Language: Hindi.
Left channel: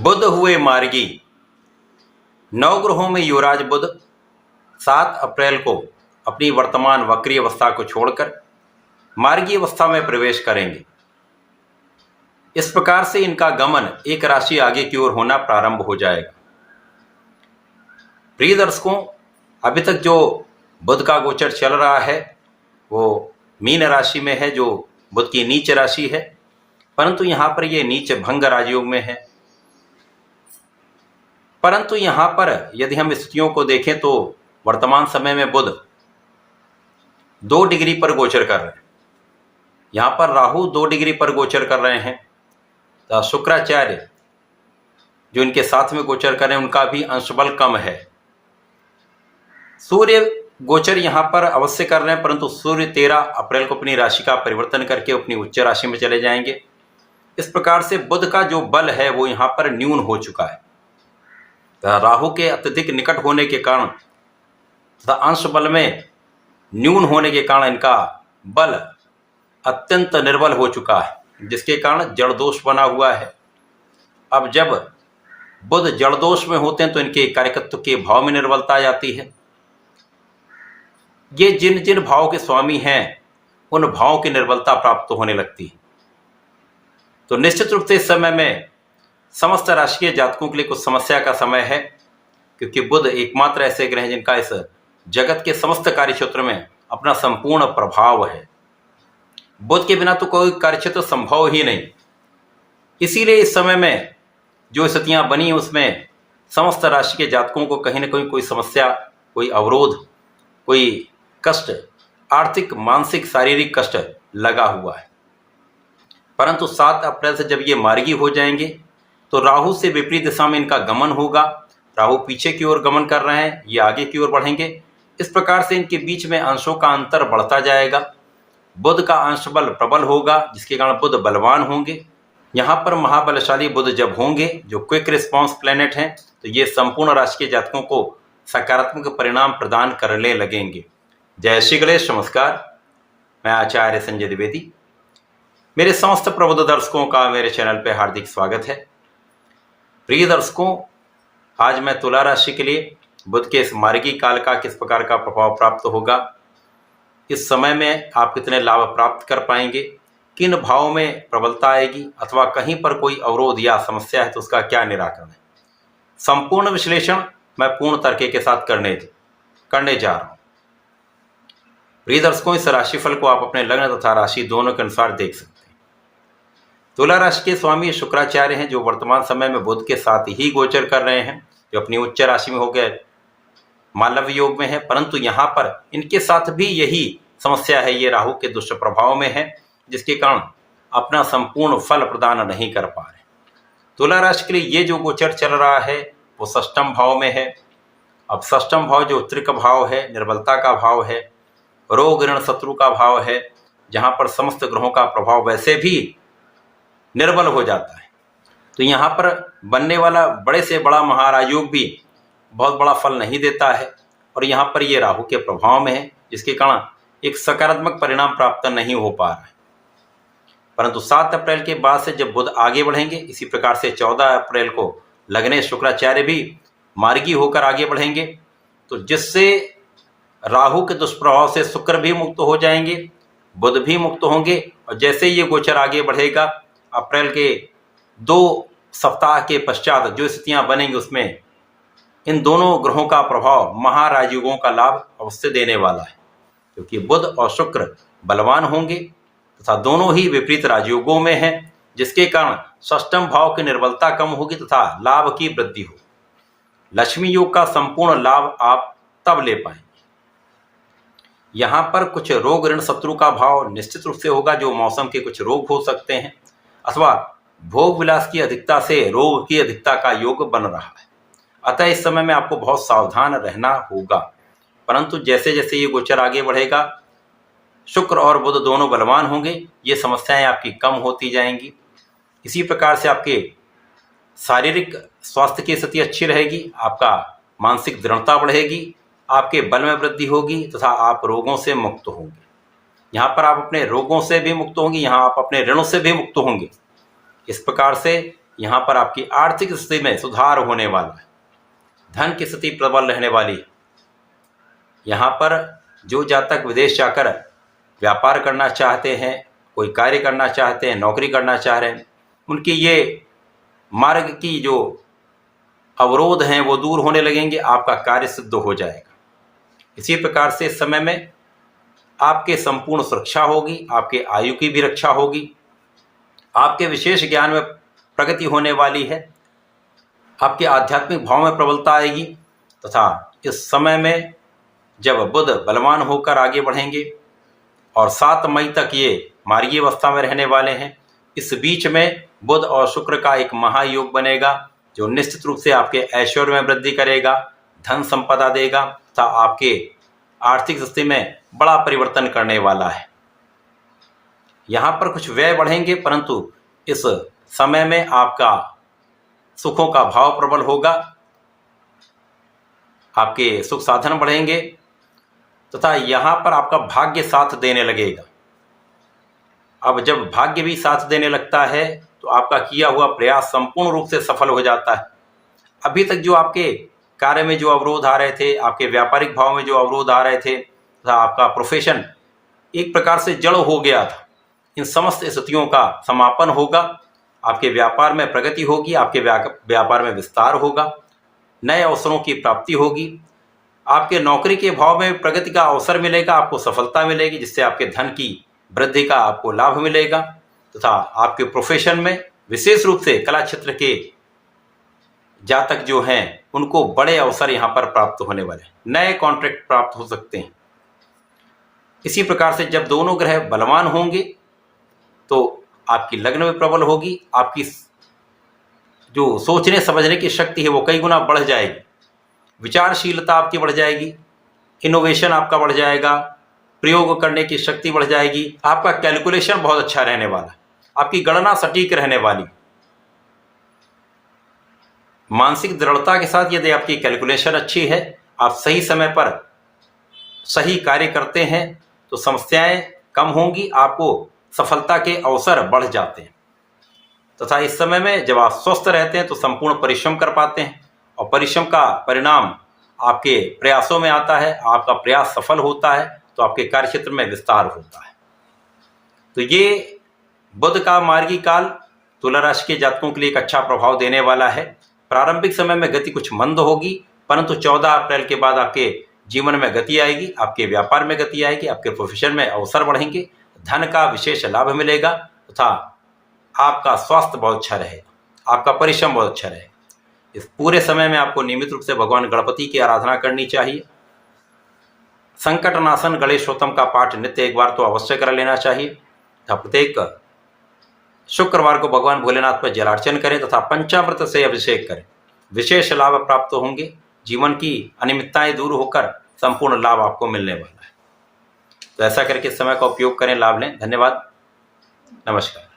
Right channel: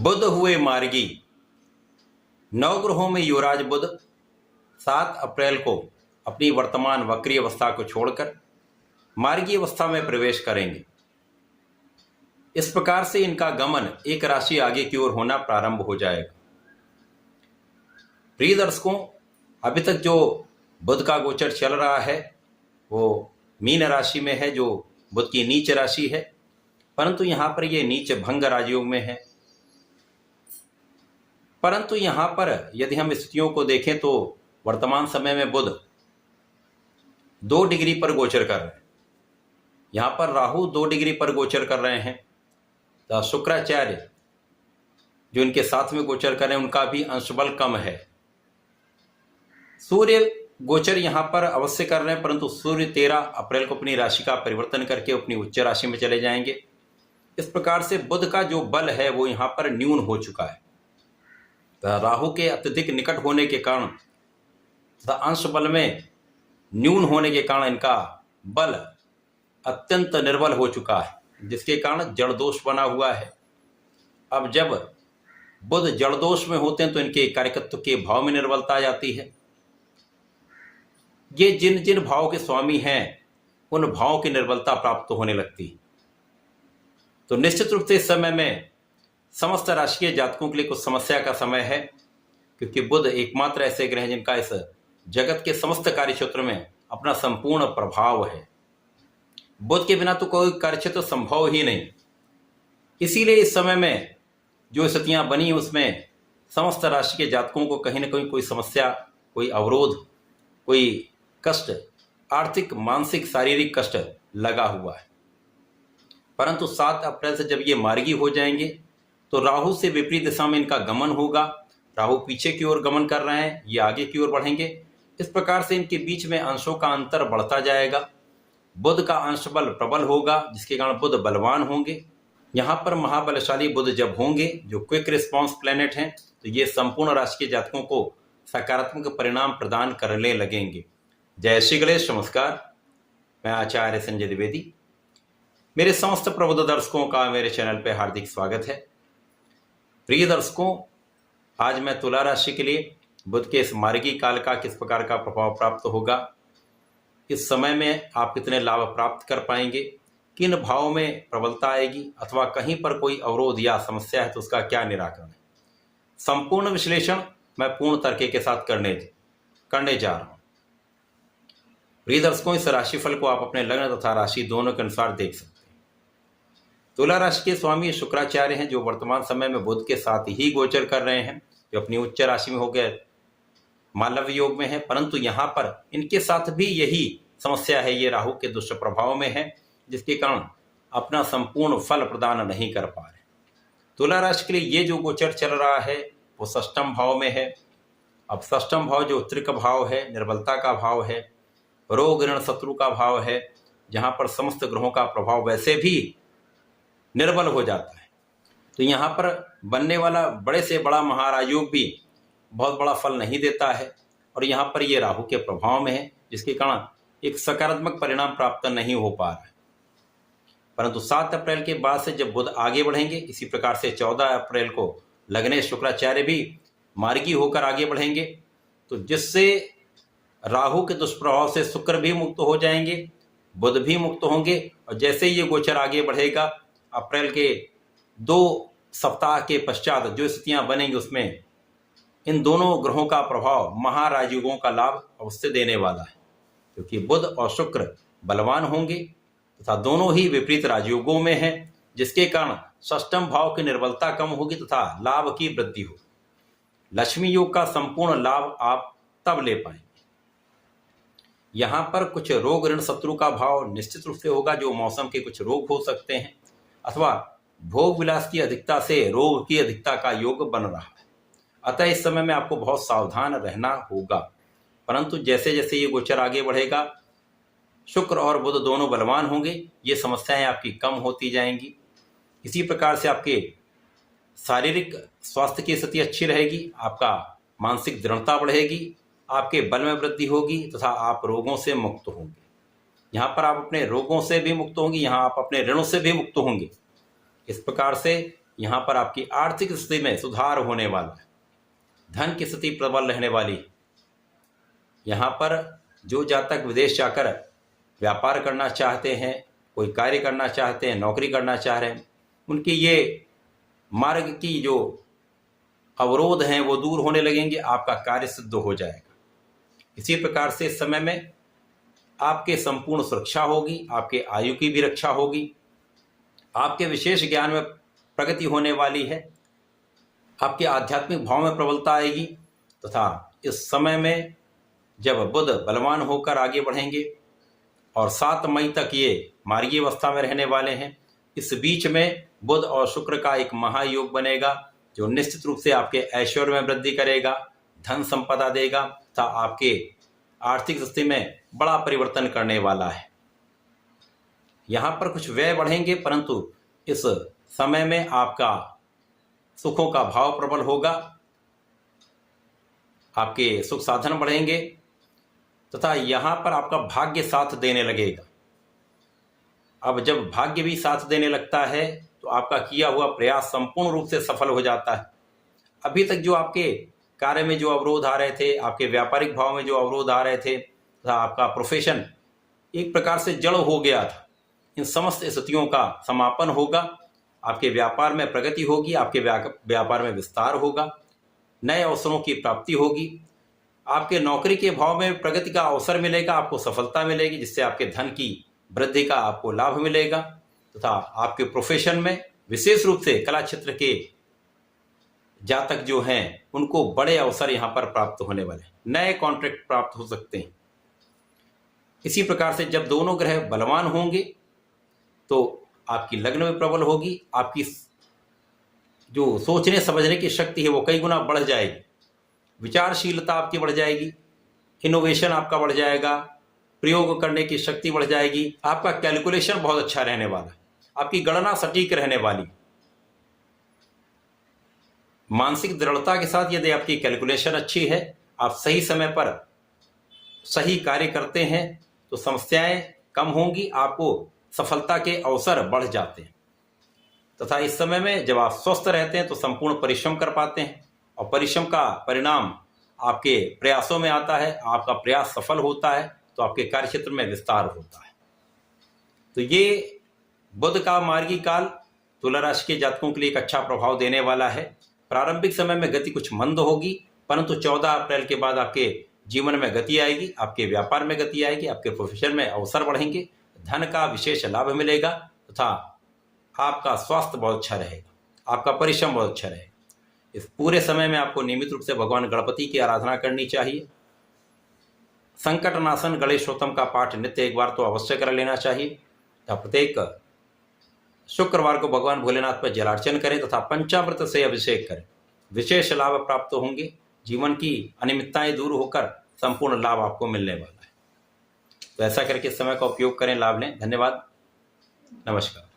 बुध हुए मार्गी। नवग्रहों में युवराज बुध 7 अप्रैल को अपनी वर्तमान वक्री अवस्था को छोड़कर मार्गी अवस्था में प्रवेश करेंगे। इस प्रकार से इनका गमन एक राशि आगे की ओर होना प्रारंभ हो जाएगा। प्रिय दर्शकों, अभी तक जो बुध का गोचर चल रहा है वो मीन राशि में है, जो बुध की नीच राशि है, परंतु यहां पर ये नीच भंग राजयोग में है। परंतु यहां पर यदि हम स्थितियों को देखें तो वर्तमान समय में बुध 2 डिग्री पर गोचर कर रहे हैं। यहां पर राहु 2 डिग्री पर गोचर कर रहे हैं। तो शुक्राचार्य जो इनके साथ में गोचर कर रहे हैं उनका भी अंशबल कम है। सूर्य गोचर यहां पर अवश्य कर रहे हैं, परंतु सूर्य 13 अप्रैल को अपनी राशि का परिवर्तन करके अपनी उच्च राशि में चले जाएंगे। इस प्रकार से बुध का जो बल है वो यहां पर न्यून हो चुका है। राहु के अत्यधिक निकट होने के कारण तथा अंश बल में न्यून होने के कारण इनका बल अत्यंत निर्बल हो चुका है, जिसके कारण जड़ दोष बना हुआ है। अब जब बुध जड़ दोष में होते हैं तो इनके कार्यकत्व के भाव में निर्बलता आ जाती है। ये जिन जिन भाव के स्वामी हैं उन भावों की निर्बलता प्राप्त होने लगती है। तो निश्चित रूप से इस समय में समस्त राशि जातकों के लिए कुछ समस्या का समय है, क्योंकि बुध एकमात्र ऐसे ग्रह हैं जिनका इस जगत के समस्त कार्य क्षेत्र में अपना संपूर्ण प्रभाव है। बुध के बिना तो कोई कार्यक्षेत्र संभव ही नहीं। इसीलिए इस समय में जो स्थितियां बनी उसमें समस्त राशि के जातकों को कहीं ना कहीं कोई समस्या, कोई अवरोध, कोई कष्ट, आर्थिक, मानसिक, शारीरिक कष्ट लगा हुआ है। परंतु 7 अप्रैल से जब ये मार्गी हो जाएंगे तो राहु से विपरीत दिशा में इनका गमन होगा। राहु पीछे की ओर गमन कर रहे हैं, ये आगे की ओर बढ़ेंगे। इस प्रकार से इनके बीच में अंशों का अंतर बढ़ता जाएगा। बुध का अंश बल प्रबल होगा, जिसके कारण बुध बलवान होंगे। यहाँ पर महाबलशाली बुध जब होंगे, जो क्विक रिस्पॉन्स प्लेनेट हैं, तो ये संपूर्ण राशि के जातकों को सकारात्मक परिणाम प्रदान करने लगेंगे। जय श्री गणेश, नमस्कार। मैं आचार्य संजय द्विवेदी। मेरे समस्त प्रबुद्ध दर्शकों का मेरे चैनल पर हार्दिक स्वागत है। प्रिय दर्शकों, आज मैं तुला राशि के लिए बुध के इस मार्गी काल का किस प्रकार का प्रभाव प्राप्त होगा, इस समय में आप कितने लाभ प्राप्त कर पाएंगे, किन भावों में प्रबलता आएगी, अथवा कहीं पर कोई अवरोध या समस्या है तो उसका क्या निराकरण है, संपूर्ण विश्लेषण मैं पूर्ण तर्क के साथ करने जा रहा हूं। प्रिय दर्शकों, इस राशिफल को आप अपने लग्न तथा राशि दोनों के अनुसार देख सकते हैं। तुला राशि के स्वामी शुक्राचार्य हैं, जो वर्तमान समय में बुध के साथ ही गोचर कर रहे हैं, जो अपनी उच्च राशि में हो गए मालव योग में है। परंतु यहाँ पर इनके साथ भी यही समस्या है, ये राहु के दुष्प्रभाव में है, जिसके कारण अपना संपूर्ण फल प्रदान नहीं कर पा रहे। तुला राशि के लिए ये जो गोचर चल रहा है वो षष्ठम भाव में है। अब षष्ठम भाव जो त्रिक भाव है, निर्बलता का भाव है, रोग ऋण शत्रु का भाव है, जहाँ पर समस्त ग्रहों का प्रभाव वैसे भी निर्बल हो जाता है। तो यहाँ पर बनने वाला बड़े से बड़ा महाराजयोग भी बहुत बड़ा फल नहीं देता है, और यहाँ पर ये राहु के प्रभाव में है, जिसके कारण एक सकारात्मक परिणाम प्राप्त नहीं हो पा रहा है। परंतु 7 अप्रैल के बाद से जब बुध आगे बढ़ेंगे, इसी प्रकार से 14 अप्रैल को लग्ने शुक्राचार्य भी मार्गी होकर आगे बढ़ेंगे, तो जिससे राहु के दुष्प्रभाव से शुक्र भी मुक्त हो जाएंगे, बुध भी मुक्त होंगे। और जैसे ये गोचर आगे बढ़ेगा, अप्रैल के 2 सप्ताह के पश्चात जो स्थितियां बनेंगी उसमें इन दोनों ग्रहों का प्रभाव महाराजयोगों का लाभ अवश्य देने वाला है, क्योंकि बुध और शुक्र बलवान होंगे तथा दोनों ही विपरीत राजयोगों में हैं, जिसके कारण षष्ठम भाव की निर्बलता कम होगी तथा लाभ की वृद्धि होगी। लक्ष्मी योग का संपूर्ण लाभ आप तब ले पाएंगे। यहाँ पर कुछ रोग ऋण शत्रु का भाव निश्चित रूप से होगा, जो मौसम के कुछ रोग हो सकते हैं, अथवा भोग विलास की अधिकता से रोग की अधिकता का योग बन रहा है। अतः इस समय में आपको बहुत सावधान रहना होगा। परंतु जैसे जैसे ये गोचर आगे बढ़ेगा, शुक्र और बुध दोनों बलवान होंगे, ये समस्याएं आपकी कम होती जाएंगी। इसी प्रकार से आपके शारीरिक स्वास्थ्य की स्थिति अच्छी रहेगी, आपका मानसिक दृढ़ता बढ़ेगी, आपके बल में वृद्धि होगी तथा आप रोगों से मुक्त होंगे। यहाँ पर आप अपने रोगों से भी मुक्त होंगे, यहाँ आप अपने ऋणों से भी मुक्त होंगे। इस प्रकार से यहाँ पर आपकी आर्थिक स्थिति में सुधार होने वाला है, धन की स्थिति प्रबल रहने वाली है। यहाँ पर जो जातक विदेश जाकर व्यापार करना चाहते हैं, कोई कार्य करना चाहते हैं, नौकरी करना चाह रहे हैं, उनकी ये मार्ग की जो अवरोध हैं वो दूर होने लगेंगे, आपका कार्य सिद्ध हो जाएगा। इसी प्रकार से इस समय में आपके संपूर्ण सुरक्षा होगी, आपके आयु की भी रक्षा होगी, आपके विशेष ज्ञान में प्रगति होने वाली है, आपके आध्यात्मिक भाव में प्रबलता आएगी। तथा इस समय में जब बुध बलवान होकर आगे बढ़ेंगे और 7 मई तक ये मार्गी अवस्था में रहने वाले हैं, इस बीच में बुध और शुक्र का एक महायोग बनेगा जो निश्चित रूप से आपके ऐश्वर्य में वृद्धि करेगा, धन संपदा देगा तथा आपके आर्थिक स्थिति में बड़ा परिवर्तन करने वाला है। यहाँ पर कुछ व्यय बढ़ेंगे, परंतु इस समय में आपका सुखों का भाव प्रबल होगा, आपके सुख साधन बढ़ेंगे तथा यहाँ पर आपका भाग्य साथ देने लगेगा। अब जब भाग्य भी साथ देने लगता है तो आपका किया हुआ प्रयास संपूर्ण रूप से सफल हो जाता है। अभी तक जो आपके कार्य में जो अवरोध आ रहे थे, आपके व्यापारिक भाव में जो अवरोध आ रहे थे तथा आपका प्रोफेशन एक प्रकार से जड़ हो गया था, इन समस्त स्थितियों का समापन होगा, आपके व्यापार में प्रगति होगी, आपके व्यापार में विस्तार होगा, नए अवसरों की प्राप्ति होगी, आपके नौकरी के भाव में प्रगति का अवसर मिलेगा, आपको सफलता मिलेगी जिससे आपके धन की वृद्धि का आपको लाभ मिलेगा तथा आपके प्रोफेशन में विशेष रूप से कला क्षेत्र के जातक जो हैं उनको बड़े अवसर यहाँ पर प्राप्त होने वाले, नए कॉन्ट्रैक्ट प्राप्त हो सकते हैं। इसी प्रकार से जब दोनों ग्रह बलवान होंगे तो आपकी लग्न में प्रबल होगी, आपकी जो सोचने समझने की शक्ति है वो कई गुना बढ़ जाएगी, विचारशीलता आपकी बढ़ जाएगी, इनोवेशन आपका बढ़ जाएगा, प्रयोग करने की शक्ति बढ़ जाएगी, आपका कैलकुलेशन बहुत अच्छा रहने वाला, आपकी गणना सटीक रहने वाली। मानसिक दृढ़ता के साथ यदि आपकी कैलकुलेशन अच्छी है, आप सही समय पर सही कार्य करते हैं तो समस्याएं कम होंगी, आपको सफलता के अवसर बढ़ जाते हैं। तथा इस समय में जब आप स्वस्थ रहते हैं तो संपूर्ण परिश्रम कर पाते हैं और परिश्रम का परिणाम आपके प्रयासों में आता है, आपका प्रयास सफल होता है तो आपके कार्यक्षेत्र में विस्तार होता है। तो ये बुध का मार्गी काल तुला राशि के जातकों के लिए एक अच्छा प्रभाव देने वाला है। प्रारंभिक समय में गति कुछ मंद होगी, परंतु 14 अप्रैल के बाद आपके जीवन में गति आएगी, आपके व्यापार में गति आएगी, आपके प्रोफेशन में अवसर बढ़ेंगे, धन का विशेष लाभ मिलेगा तथा आपका स्वास्थ्य बहुत अच्छा रहेगा, आपका परिश्रम बहुत अच्छा रहेगा। इस पूरे समय में आपको नियमित रूप से भगवान गणपति की आराधना करनी चाहिए। संकट नाशन गणेशोत्तम का पाठ नित्य एक बार तो अवश्य कर लेना चाहिए तथा प्रत्येक शुक्रवार को भगवान भोलेनाथ पर जलार्चन करें तथा पंचामृत से अभिषेक करें, विशेष लाभ प्राप्त होंगे, जीवन की अनियमितताएं दूर होकर संपूर्ण लाभ आपको मिलने वाला है। तो ऐसा करके समय का उपयोग करें, लाभ लें। धन्यवाद, नमस्कार।